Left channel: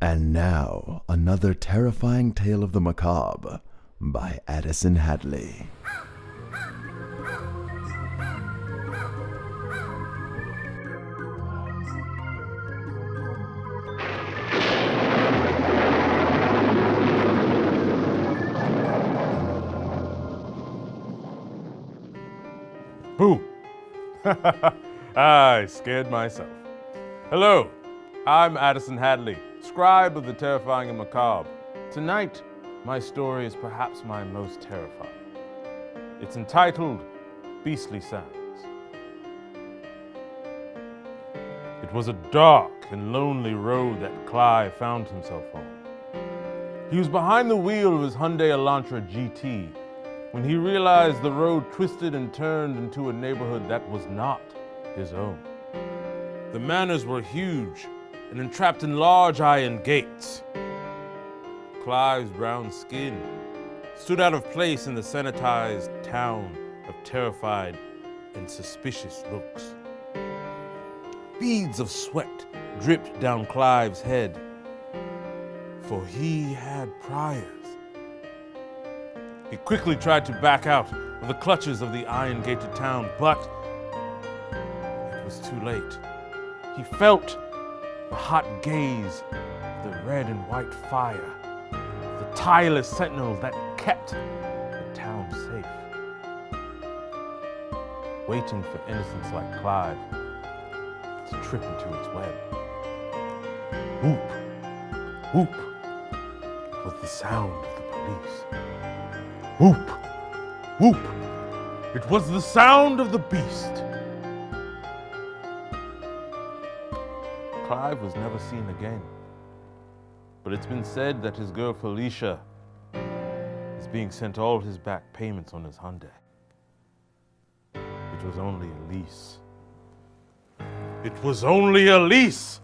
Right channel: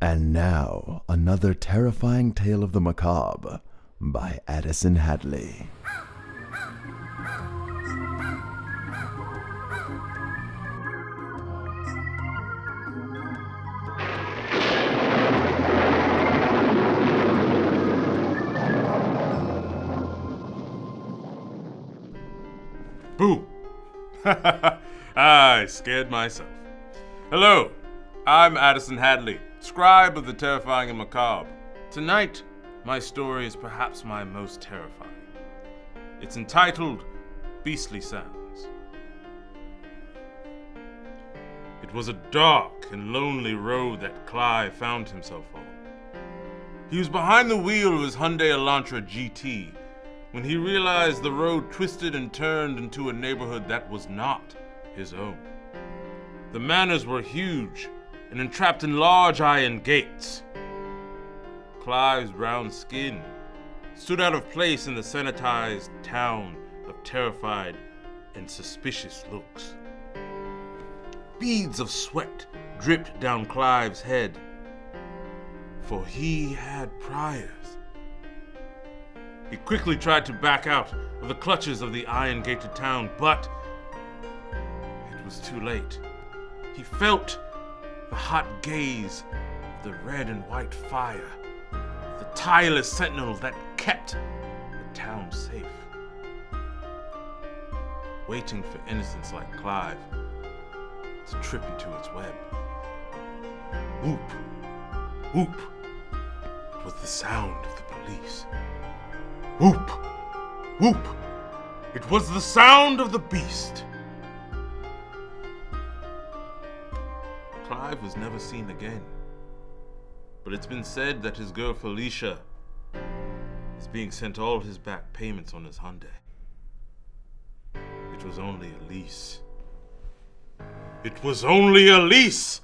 And now, another terrifying tale of the macabre by Addison Hadley. Boo! I scared myself. Hello, I'm Addison Hadley, scribe of the terrifying and macabre. Tonight, my story is perhaps my most terrifying. It's entitled Beastly Sounds. It was a dark and lonely road that Clive found himself on. He was behind the wheel of his Hyundai Elantra GT when he realized the road twisted and turned into a neighborhood that was not his own. The manors were huge and entrapped in large iron gates. Clive's brown skin stood out of place in the sanitized town of terrified and suspicious looks. Beads of sweat dripped down Clive's head, for he had priors. He quickly tried to back out of the clutches of the iron-gated town, but it was too late. He felt the hot gaze of the red and white fire, the tireless sentinels that kept the town safe, waiting for innocents like Clive to trip into its web. Whoop, whoop, was the sound of the police. Whoop, whoop, it was the sound of the beast. Clive was never seen again, but it's been said that his girl Felicia is being sent all his back payments on his Hyundai. It was only a lease. It was only a lease!